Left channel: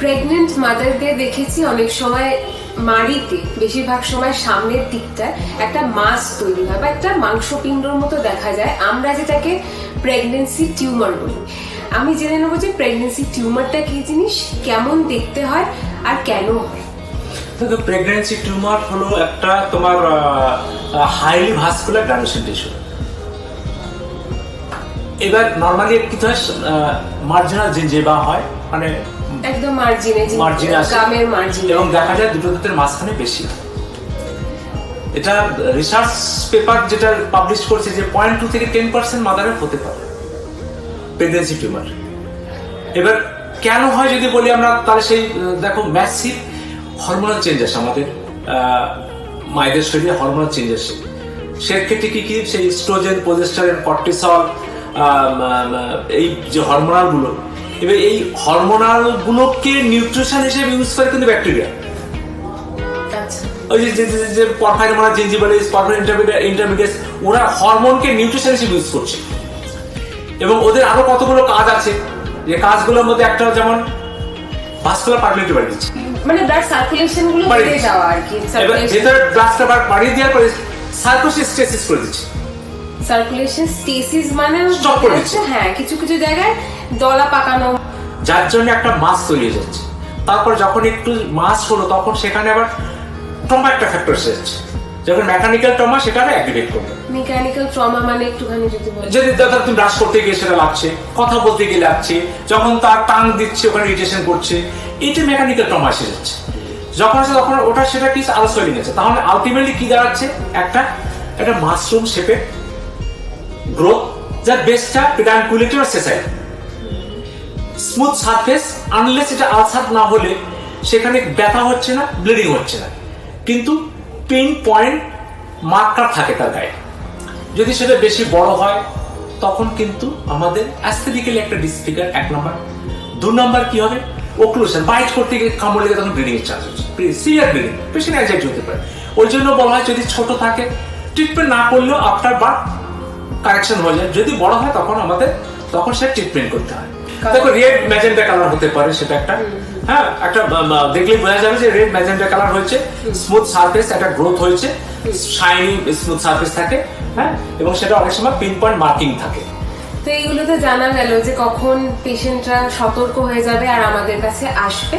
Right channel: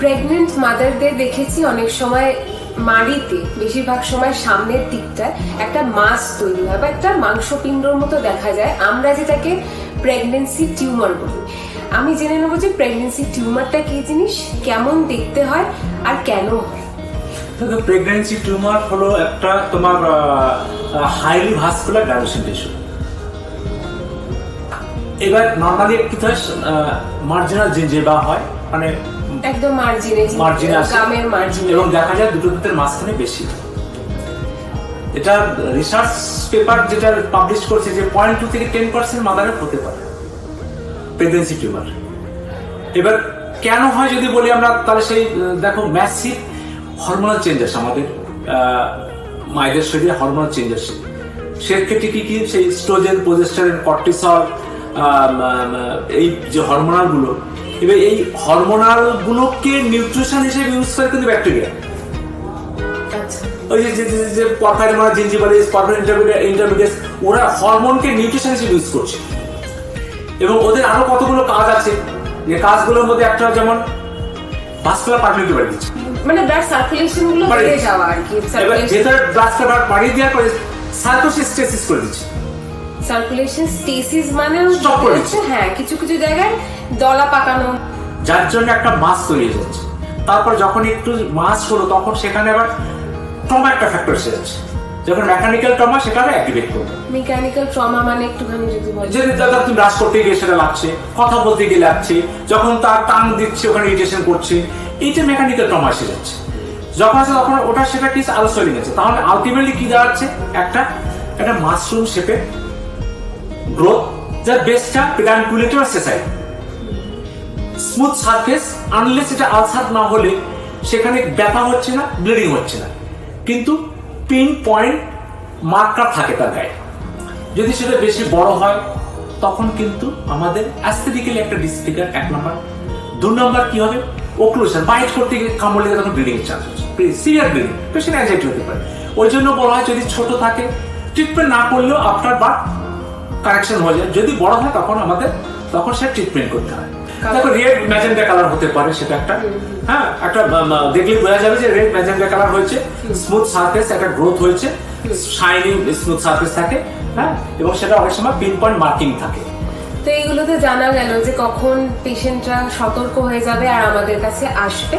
Pregnant মাদারদের দেখেছি অনেক সময় মাড়িতে বেশিরভাগ সময় সামনের দিকটায় একটা মাস তৈরি হয় বা একটা মাংসপিণ্ডর মতো দেখা যায়, আমরা যেটাকে প্রেগনেন্সি টিউমার বলি। আমি জেনে নেবো যে প্রেগনেন্সি টিউমারটা কি জিনিস, কেমন দেখতে হয় আর কেন হয়। প্রেগনেন্সি টিউমার হলো একটা তোমার হাইলি ভাস্কুলার ডাইলেশন টিস্যু। এবার নর্মালি কি হয়, মার্জিনাল জিঞ্জিভা হয়, মানে একদম মার্জিনে গামের মার্জিনে, এবং দেখা যায় দুটো দাঁতের মাঝখানে বেশি। এটা রিসার্চ পেপার যেটা পাবলিশ করছে যে 0.2 থেকে 10% মাদারের হতে পারে প্রেগনেন্সি টিউমার। এবার কেন হয় যদি বলি আমরা, তাহলে সেই দেখো ম্যাসিভ হরমোনাল চেঞ্জ আসে আমাদের মায়েদের শরীরে, হরমোনাল চেঞ্জ আসে। সেক্ষেত্রে কি কি সেই স্ট্রোজেন, প্রোজেস্টেরন, কর্টিসল, এই যে হরমোনাল গুলো, এবার এই হরমোনাল গুলোকে নিউট্রিশন হিসেবে ইউজ করে কিন্তু ব্যাকটেরিয়া। ওই যে পরফাইরিন জিঞ্জিভালিস, পরফাইরিন ইন্টারমিডিয়েট, ওরা হরমোনকে নিউট্রিশন হিসেবে ইউজ করছে। এবং ওদের আরো কতগুলো কাজ আছে, যে কাজগুলোর মধ্যে একটা যেমন ভাস্কুলার পারমিটিভিটি বাড়িয়ে দিচ্ছে, মানে ব্লাড সার্কুলেশন গুলো বেড়ে যাওয়া আর কি। ভেতর ব্লাডটা বাড়িয়ে দেওয়ার পরে সার্কুলেশন করে দিচ্ছে। সার্কুলেশন স্টেসিস মানে স্টপ করে দিচ্ছে, হ্যাঁ, কিছু কিছু জায়গায় দলা পাকানো, যার জন্য একটা মাস তৈরি হয়ে যাচ্ছে। তারপর যখন একটু মাস হলো, তখন সেখানে আবার ট্রমা একটা ফ্যাক্টর এসে যাচ্ছে। যখন মেকানিক্যাল ট্রমা, সেটাকে অ্যাক্টিভেট করবে। মেকানিক্যাল ট্রমা মানে একটুখানি যদি বলি, যদি তুমি ব্রাশ করতে গিয়ে সেটা লাগছে, কথা বলতে গিয়ে লাগছে, যখন তার টাং দিচ্ছে ওখানে ইরিটেশন করছে, এইটা মেকানিক্যাল ট্রমা এসে যাচ্ছে। যখন আছে তখন ওটা সেটা কি আরো সোয়েলিং আছে। তাহলে আলটিমেটলি কি দাঁড়াচ্ছে, একটা মাশরুম শেপের গ্রোথ, যার বেসটা পেডানকুলেটর আর সেসাইড। স্মুথ সারফেস, আনলেস এটা আলসার না হলে সেখানে ব্যথা হচ্ছে না, ব্লিডিং হচ্ছে না, কিন্তু পিন পয়েন্ট মার্কার থাকে তার গায়ে। যদি সেটা বেশি বড় হয়, তখন কিন্তু আমাদের অ্যাস্থেটিক্যালি একটা ডিসফিগার, 1 নম্বর। 2 নম্বর কি হবে, ওক্লুশন, বাইট করতে গিয়ে কামড় লেগে তখন ব্লিডিং এর চান্স হচ্ছে, সিভিয়ার ব্লিডিং, পেশেন্ট অ্যাংজাইটি হতে পারে। ওই জন্য বলা হয় যদি ছোট থাকে ট্রিটমেন্ট না করলেও আফটার বার্থ কারেকশন হয়ে যায়। যদি বড় হয় তখন সে ট্রিটমেন্ট করতে হয়। দেখো রেড ম্যাজেন্ডা কালার হতে পারে, সেটা একটা একটা দেখলেই বোঝা যাবে যে রেড ম্যাজেন্ডা কালার হয়েছে, স্মুথ সারফেস, একটা গ্রোথ হয়েছে, শাইনিং স্মুথ সারফেস থাকে, এবং সেটা অনেক সময় পিন পয়েন্ট মার্কিং থাকে। তো এইগুলো তো জানা গেল যে কখন পেশেন্টরা সতর্ক হয়ে যাবে আর আমাদের কাছে আসবে।